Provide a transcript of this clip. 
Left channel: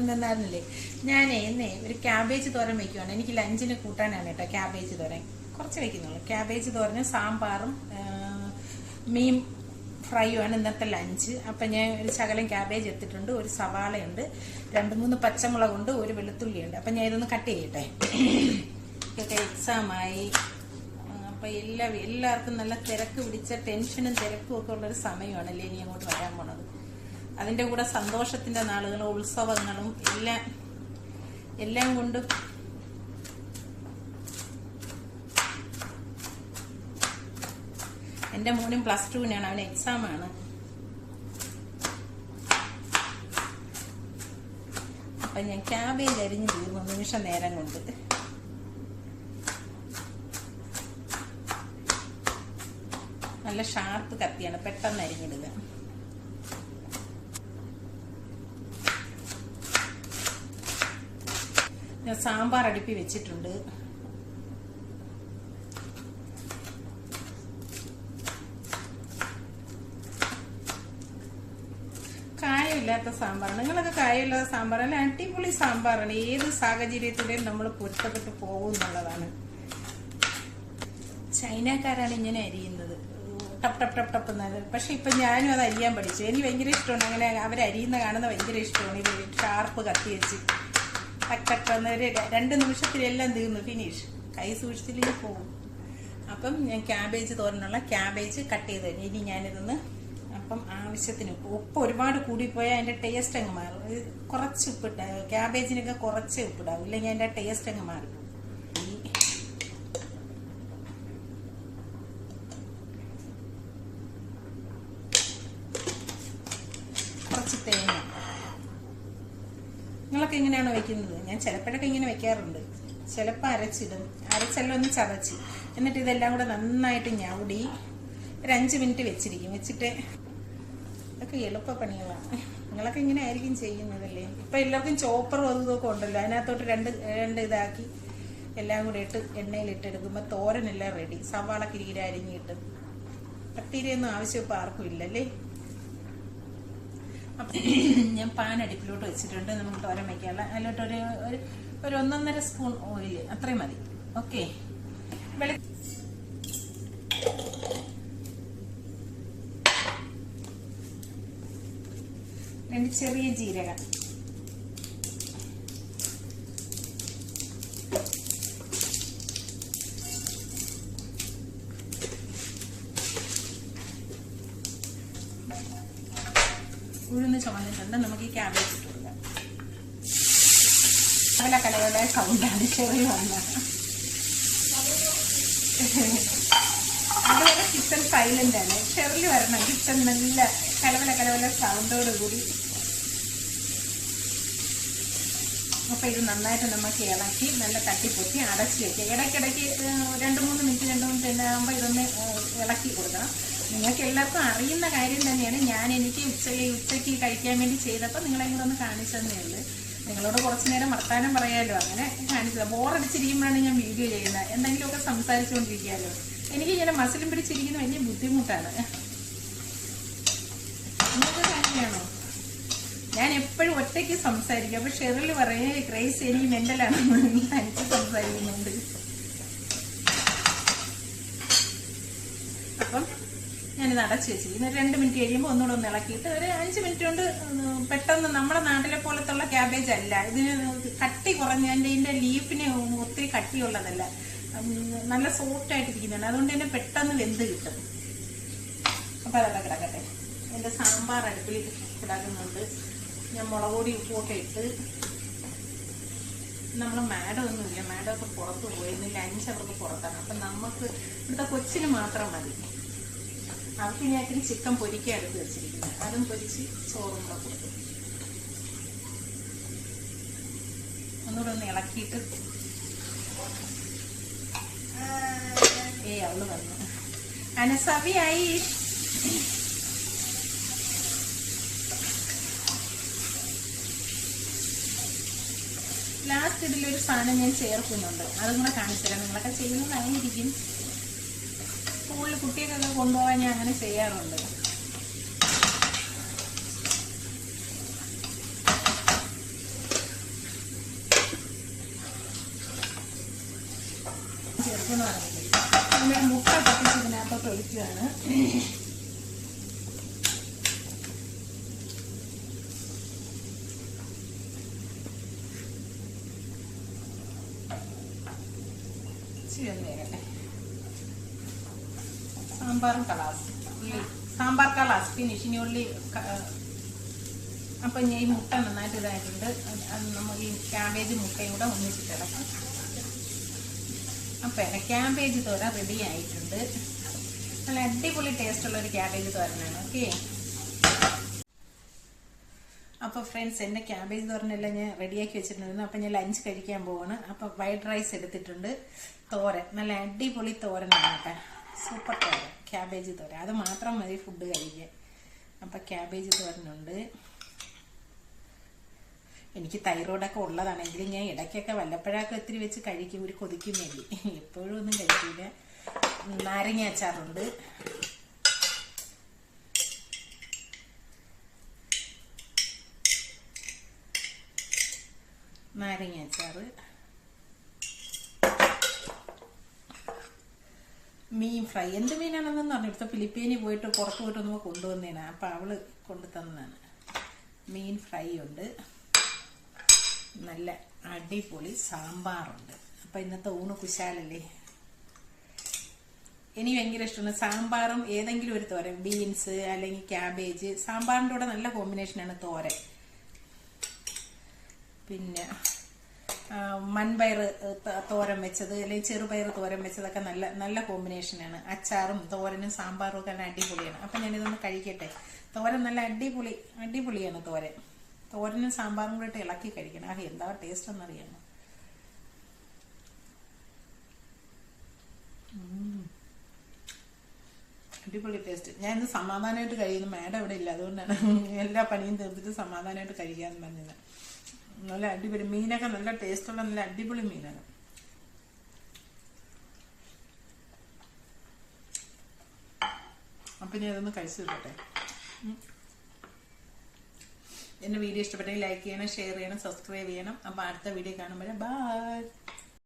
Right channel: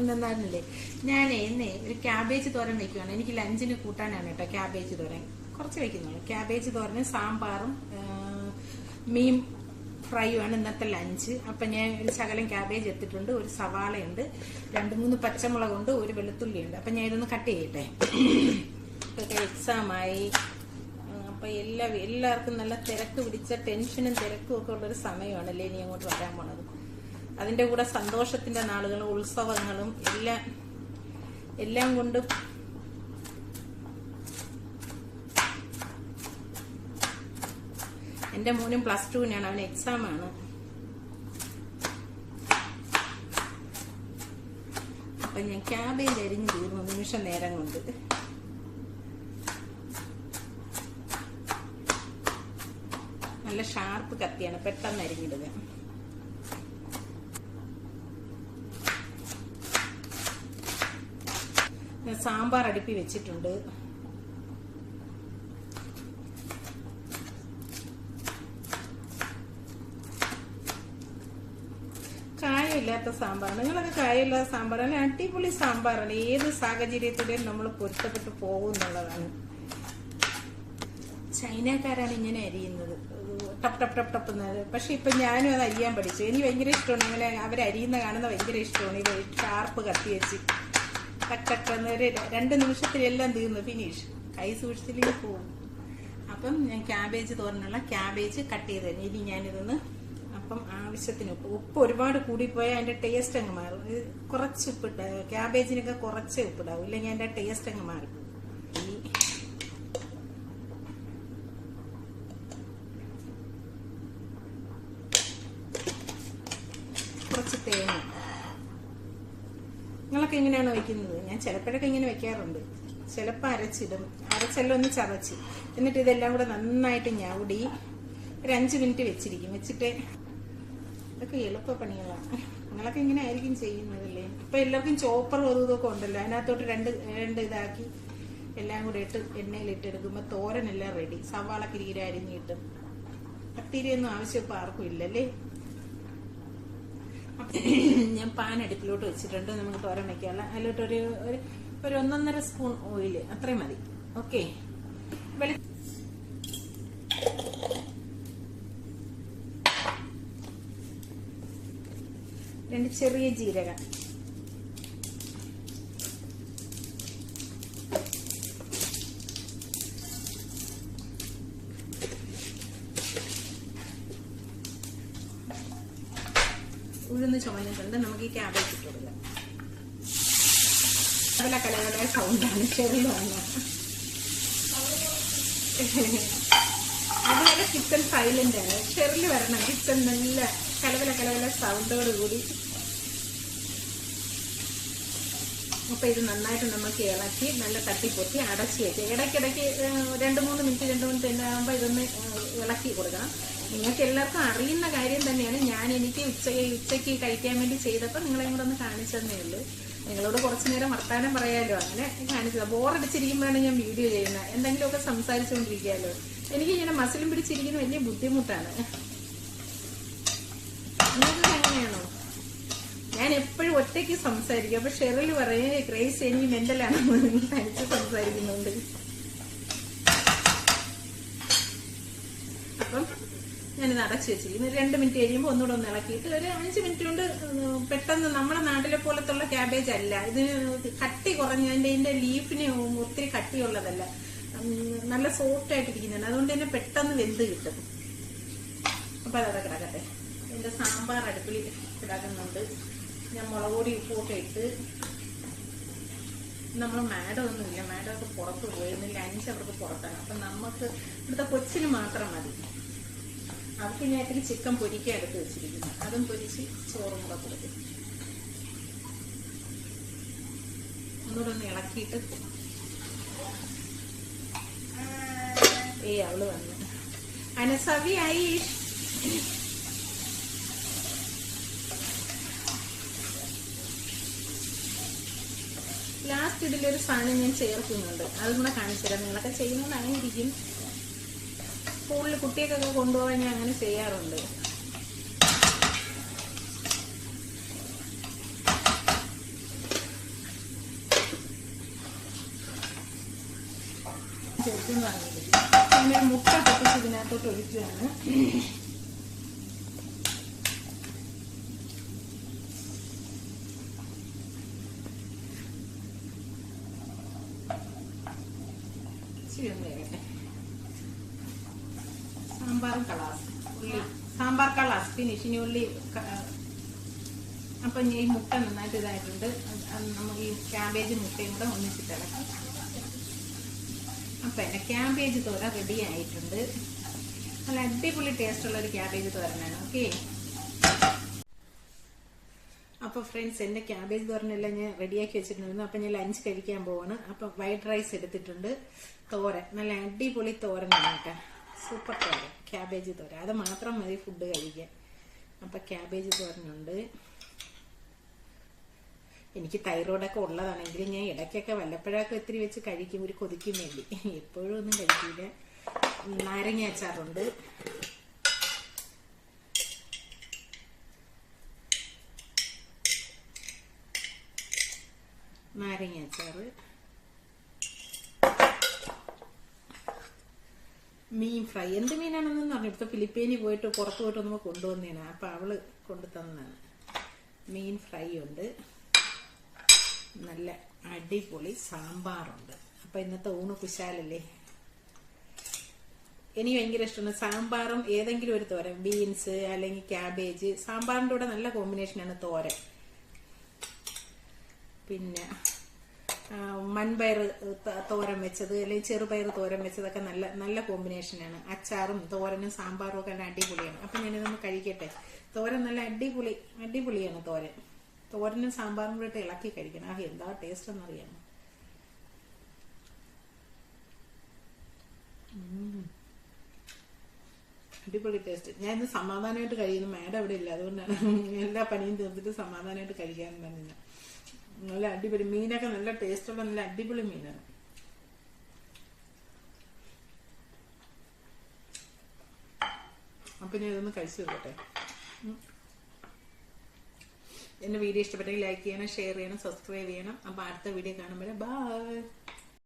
എന്നാലേ ഞാനേ ഇന്നേ ഒരു ക്യാബേജ് തോരൻ വെക്കുവാണ്. എനിക്ക് ലഞ്ചിന് കൂട്ടാനാണ് കേട്ടോ ക്യാബേജ് തോരൻ. കുറച്ച് വെക്കുന്നുള്ളൂ. ക്യാബേജ് തോരനും സാമ്പാറും മീൻ ഫ്രൈയുമാണ് ഇന്നത്തെ ലഞ്ച്. അപ്പം ഞാൻ ഒരു ശകലം ക്യാബേജ് എടുത്തിട്ടുണ്ട്, ഒരു സവാളയുണ്ട്, 2-3 പച്ചമുളകുണ്ട്, ഒരു വെളുത്തുള്ളിയുണ്ട്. അപ്പം ഞാൻ ഇതൊന്ന് കട്ട് ചെയ്യട്ടെ. ഇതൊക്കെ എക്സാമായി. അപ്പം എല്ലാവർക്കും നല്ല തിരക്ക് പിടിച്ച ടെൻഷനും തിരക്കും ഒക്കെ ഉള്ളൊരു സമയമാണല്ലേ ഇനി അങ്ങോട്ട് വരാൻ പോണത്. അതിന്റെ കൂടെ സന്തോഷത്തിന്റെ നാളുകളും ഉത്സവങ്ങളും എല്ലാം കൊണ്ട് എന്റെ മോനും +2-നാണ്, അവന് എക്സാമാണ്. അപ്പൊ ഞാൻ ക്യാബേജ് അരിഞ്ഞു തീർന്നു നിമിഷം നേരം കൊണ്ട്. നല്ല ഷാർപ്പ് കത്തിയാണ്, പെട്ടെന്ന് അരിഞ്ഞിടുക. ഞാൻ സാമ്പാർ അടുപ്പി വെച്ചിട്ടുണ്ട്. കായമില്ലാത്ത സാമ്പാറാണ്. നിങ്ങളൊക്കെ കായമില്ലാത്ത സാമ്പാറാണ്, അടിപൊളി സാമ്പാറാണ്. ഏത് സാഹചര്യത്തിലും നമ്മൾ പൊരുത്തപ്പെട്ട് പോകുന്നുള്ളതാണ്. ചൈനക്കാരാണ് ഇങ്ങനെ അരിയുന്നത്, ടപ്പ് ടപ്പ് ടപ്പ് ടപ്പ് എന്നത്. പക്ഷെ ഇപ്പൊ ഞാനും അത് അരിയാൻ പഠിച്ചു. എനിക്ക് ഭയങ്കര ഇഷ്ടമാണ്. അങ്ങനെ അവരരിയുന്ന കാണുന്നത് ഭയങ്കര ഇഷ്ടമാണ്. ഇത് ഷാർപ്പ് കത്തി വെച്ച് ടക്കട്ടെന്ന് 2 നിമിഷത്തിലെല്ലാം തീർന്നു, ഫിനിഷ്. കൈ സൂക്ഷിച്ചില്ലെങ്കിൽ പോകും. അപ്പം ഞാൻ ക്യാബേജ് തോരനുള്ള ക്യാബേജ് കട്ട് ചെയ്ത് തരും. ഇനി ഞാനിതൊന്ന് അപ്പം ആവശ്യത്തിന് ഉപ്പ് ഒരുപാട് കൂടിപ്പോയാൽ അതിന്റെ ടേസ്റ്റ് അങ്ങ് മാറും. കുറച്ച് ഉപ്പിട്ട് ക്യാബേജിനൊക്കെ കുറച്ചേ ഉപ്പിടാവും, ഇല്ലെങ്കിൽ അതിന്റെ ടേസ്റ്റ് അങ്ങ് മാറും. കുറച്ച് തേങ്ങ. നിങ്ങളൊക്കെ ഇങ്ങനെയാണ് വെക്കുന്നത്? ഞാൻ ചിലപ്പോഴൊക്കെ ഇങ്ങനെ വെക്കാറുണ്ട്. ചിലപ്പോൾ അരച്ചിടും, അരച്ചെല്ലാം ഒന്ന് ചതച്ച്, എന്നിട്ട് ഇതെല്ലാം കൂടെ നന്നായിട്ട് ഞവടി ഒരു 5 മിനിറ്റ് വെച്ചിരിക്കും. വെച്ചിട്ട് അതൊക്കെ എളുപ്പ പണികളാണ്. നിങ്ങളൊക്കെ ഇങ്ങനെ ആയിരിക്കും ചെയ്യുന്നതല്ലേ? ഇപ്പൊ എല്ലാവർക്കും ചോപ്പറും ഇതൊക്കെ ഉണ്ടല്ലോ, അതിനകത്തോട്ട് രണ്ട് ഇതാക്കി എല്ലാം കൂടെ ഇട്ട് എണ്ണയിലിട്ടെടുക്കുമ്പോ തോരനെല്ലാം റെഡി. സവാള കിരീര അരിഞ്ഞിട്ട് പത്തിരിയൊന്നും ആവശ്യം ഇപ്പൊ ആർക്കും ഇല്ലല്ലേ. ഞാൻ പാൻ അടുപ്പിലോട്ട് വെച്ചിട്ടുണ്ട്. നമുക്ക് തോരൻ വെക്കാനുള്ള അതിലോട്ട് ഒരു 1.5 സ്പൂൺ ഓയിൽ അത്രയും മതി. ഓക്കെ. 2 ചെറിയ ജീരകം, ഉഴുന്ന് ചുമന്നിട്ടുണ്ട്. നമുക്ക് ഈ ക്യാബേജ് ഇട്ട് കൊടുക്കാം. നല്ല കലവല സൗണ്ടാണ് ചെറിയ വന്നത്. അതുപോലെ ചിക്കൻ സൈലന്റ് ആണ്, ചെറിയ വരണം. ചിക്കൻ നല്ല കലവല സൗണ്ടോട് കൂടി. അപ്പൊ ഇത് നന്നായിട്ട് നമുക്ക് ഇളക്കി നല്ല തട്ടിപ്പൊത്തി അടച്ചു വെക്കുക. ഇടയ്ക്കിടയ്ക്ക് 2-3 മിനിറ്റ് ആകുമ്പോ ഇതൊന്ന് ഇളക്കി കൊടുക്കണം. നിങ്ങൾക്ക് എല്ലാവർക്കും അറിയുന്ന കാര്യം തന്നെയാണ്. എനിക്ക് ഉച്ചയ്ക്ക് കഴിക്കാൻ വേണ്ടി ചെയ്തപ്പോൾ നിങ്ങളെ കൂടെ ഒന്ന് കാണിച്ചതന്നേ ഉള്ളൂ. നിങ്ങളോട് കുറച്ചു നേരം വർത്താനം പറയാലോ, അങ്ങനെ കാണിച്ചത്. ബോറടിച്ചിരിക്കുമ്പോഴാണ് ഞാൻ വീഡിയോ ചെയ്യുന്നത്. എന്തെങ്കിലുമൊക്കെ സംസാരിച്ചുകൊണ്ടിരിക്കാലോ. എനിക്കിങ്ങനെ മസിലും പിടിച്ചിരിക്കുന്ന വലിയ ബുദ്ധിമുട്ടാണ്. നിങ്ങൾക്ക് അങ്ങനെയാണോ? ഞാൻ എപ്പോഴും ഒറ്റയ്ക്ക് സംസാരിക്കും. അപ്പൊ ഷെറിൽ പറയും ക്രേസ് എനിക്ക് മെന്റലാണ് തനിച്ച് സംസാരിക്കുന്നുണ്ട്. അപ്പം ഞാനിത് അടച്ചു വെച്ചിരിക്കുന്നു. 2 മിനിറ്റ് കഴിയുമ്പോൾ ഒന്നുകൂടെ ഒന്ന് ഇളക്കിയിട്ട് ഒരു 5 മിനിറ്റ് കൊണ്ട് പെട്ടെന്ന്. നമ്മുടെ നാട്ടിലെ പോലത്തുള്ള ക്യാബേജ് അല്ല ഇത്, കട്ടി കുറഞ്ഞതിന്റെ. ഇതിന്റെ ലീഫിന് ഒത്തിരി കട്ടിയുള്ളതല്ല, നല്ല സോഫ്റ്റ് ആയിട്ടിരിക്കുന്നുണ്ട്. അതുകൊണ്ട് തന്നെ പെട്ടെന്ന് വെന്ത് കിട്ടും. അപ്പൊ അതവിടെ കിടക്കട്ടെ. എന്റെ സാമ്പാർ അടുപ്പിൽ കിടക്കുന്നുണ്ട്. ഞാൻ മുളക് പൊടി ഉപ്പൊക്കെ ഇട്ട്. നമ്മൾ മാഡമൊന്നുമില്ല, മാഡമൊക്കെ പുറത്ത് പോയിരുന്നു. ലഞ്ച് അവർക്ക് പുറത്താണ്. അപ്പൊ നമുക്ക് ഇവിടുത്തെ കൊച്ചിന് മാത്രം മതി. അവർക്ക് ഞാൻ ഇത്തിരി ചിക്കൻ പൊരിക്കുക എടുത്ത് വെച്ചിരിക്കുന്നു. അതും പൊരിച്ച് ചോറും കൂടെ കൊടുക്കും. ഒന്നുകൂടെ ഒന്ന് ഇളക്കിയിട്ട് അവള് വന്നു. അനസവിയായി. ലാസ്റ്റ് ഇതിലൊരു സാധനം ഞാൻ ചേർക്കുന്നുണ്ട്, അതും കൂടെ കാണിച്ചു തരാം. നിങ്ങളൊക്കെ ചെയ്യുന്നത് അറിഞ്ഞിരിക്കും. സ്കൂളിൽ കുട്ടികൾക്കൊക്കെ കൊണ്ടുപോകാൻ ഞാൻ അങ്ങനെ ചെയ്യാറുണ്ട്. കഴിക്കുന്നതാണ്. പിന്നെ മുട്ട പൊട്ടിച്ച് ഇതിനകത്തോട്ട് ഒഴിക്കുകയാണ്. സാമ്പാർ കളാസ് ഫിനിഷ്. ഇനി ഉള്ളി അപ്പൊ ഈ മുട്ട നന്നായിട്ട് ഇതായിട്ടുണ്ട്. നമ്മൾ ഈ ക്യാബേജ് മുട്ടയും കൂടെ ഒന്നിച്ചിട്ടിടക്കും. അപ്പൊ ക്യാബേജ് തോരൻ റെഡി ആയിട്ടുണ്ട്. നല്ല അടിപൊളി ടേസ്റ്റ് ഉള്ള ഒരു ക്യാബേജ് തോരനാണ്. ഓക്കെ, അപ്പൊ ഫ്രണ്ട്സ് എന്റെ ക്യാബേജ് തോരനെല്ലാം ഞാൻ റെഡിയാക്കി വെച്ചിട്ടുണ്ടായിരുന്നു. അപ്പൊ ഞാൻ ലഞ്ച് കഴിക്കാൻ പോവാണ്. അപ്പൊ വൈറ്റ് റൈസ് എടുത്തിട്ടുണ്ട്. തോരൻ നല്ല അടിപൊളി തോരനാണ് കേട്ടോ. സൂപ്പർ തോരൻ, ക്യാബേജ് തോരൻ. അത് മാത്രം മതി ഫുഡ് കഴിക്കാൻ. അപ്പൊ ക്യാബേജ് തോരനുണ്ട്. എനിക്ക് തൈറോയിഡൊക്കെ ഉള്ളതാണെങ്കിൽ ഞാൻ ഇടയ്ക്കൊക്കെ വല്ലപ്പോഴൊക്കെ ഇത്തിരി വെച്ച് കഴിക്കും, ഒരു കൊതിക്കും വേണ്ടി. എപ്പോഴും ഒന്നും കഴിക്കില്ല. നാരങ്ങ അച്ചാറുണ്ട്. നാരങ്ങ അച്ചാറ്, മീൻ ഫ്രൈ. എന്ത് മീനാണെന്ന് പറഞ്ഞു. ഇവിടുത്തെ ഫിലിപ്പീനിൽ പോയിട്ട് പുറത്ത് പോയിട്ട് നമ്മൾ കൊണ്ടുവന്നേനാ. അപ്പൊ അവള് കൊണ്ടു തന്നാണ്. മീൻ ഫ്രൈ ഉണ്ട്. നല്ല അടിപൊളി സാമ്പാറുണ്ട്. അപ്പൊ ഇന്നത്തെ ഊണ് കുശാലല്ലേ. എനിക്ക് ഭയങ്കര ഇഷ്ടമാണ് സാമ്പാറും ഏതെങ്കിലും ഒരു തോരൻ, ബീൻസ് അല്ലെങ്കിൽ ക്യാബേജ്. സാമ്പാറിന്റെ കൂടെ നല്ല കോമ്പിനേഷനാണ് തോരൻ. പിന്നെ മൺപയർ തോരൻ വെച്ചത് അല്ലെങ്കിൽ ചെറുപയർ തോരൻ വെച്ചതൊക്കെ നല്ല നല്ല കോമ്പിനേഷനാണ്. അച്ചാറും തോരനും സാമ്പാറും ഒക്കെ അടിപൊളിയാണ്. അപ്പൊ ഞാനിതൊന്ന് കഴിക്കട്ടെ. തോരൻ നല്ല അടിപൊളിയാണ് തോരൻ. തോരനും സാമ്പാറും കൂടെ ഇളക്കി കഴിക്കണം. ആ എന്താ ടേസ്റ്റ് എന്നറിയാമോ. അടിപൊളി ടേസ്റ്റ്. ഞാൻ ഇന്ന് സമാധാനമായിട്ട് കഴിക്കുന്നു. മാഡം അവിടെ ഇല്ല, അതുകൊണ്ടാണ് എല്ലാ പണിയും തീർത്തിട്ട് സമാധാനമായിട്ട് കഴിക്കാന്ന് പറഞ്ഞത്. നല്ല അടിപൊളി മീനൊക്കെ നല്ല ടേസ്റ്റുള്ള നല്ല അടിപൊളി മീനാണ്. അപ്പൊ ഇനി അതൊന്ന് കഴിച്ചു തരട്ടെ. എന്റെ വീഡിയോ ഇഷ്ടപ്പെട്ടെങ്കിൽ ലൈക്ക് ചെയ്യണം, ഷെയർ ചെയ്യണം, സബ്സ്ക്രൈബ് ചെയ്യണം. അപ്പൊ അടുത്ത വീഡിയോ കാണുമ്പോഴേ ബൈ.